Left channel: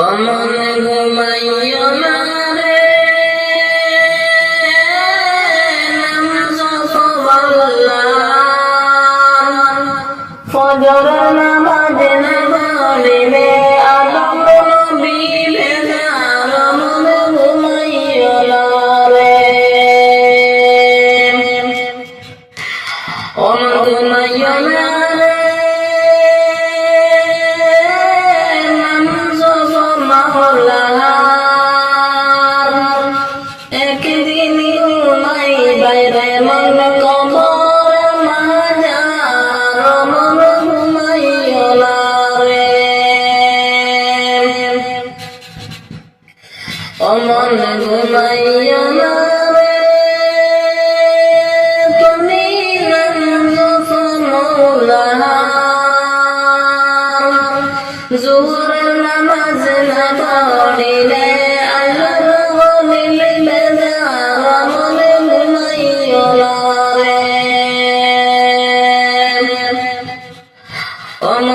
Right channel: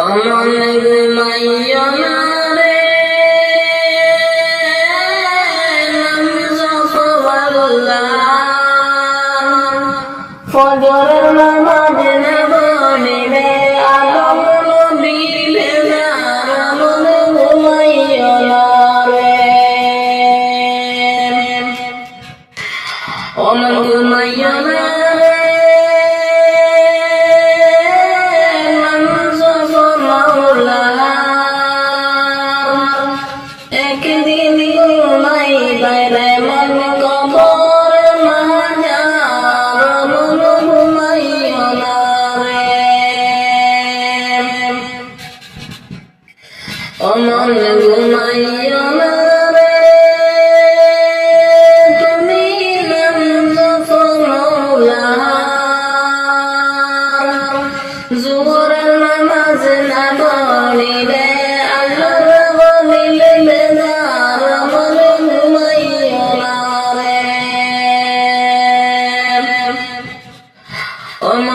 অমন ঘুমাইও না রে নাম জপবাল্লাহ ফজরের নামাজ ঘুমাই মন কবর মাজার মন ঘুমাইও না রে। অমন ঘুমাইও না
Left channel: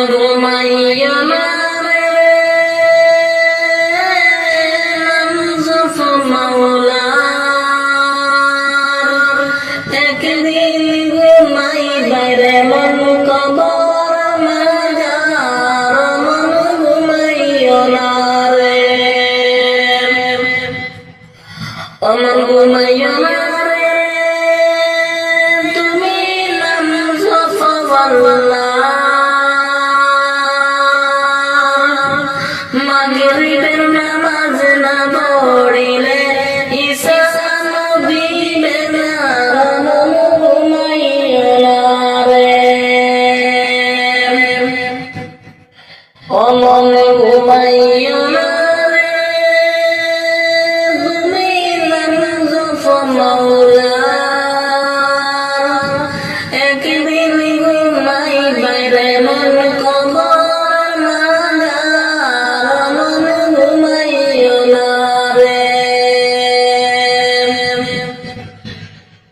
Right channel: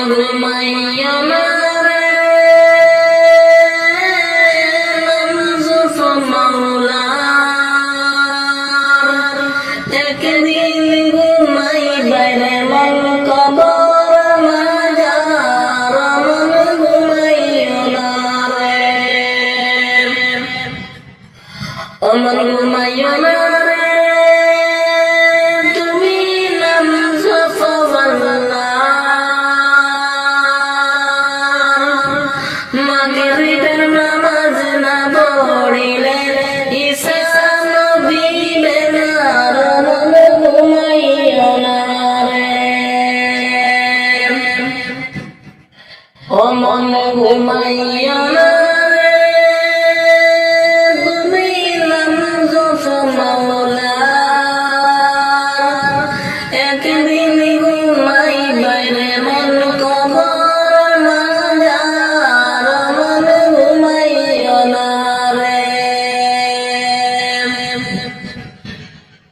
অমন মাগরিবের নামাজ না পড়িলে বেনার মন ঘুমাইও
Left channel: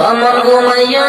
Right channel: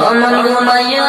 অমন ঘুমাইয়া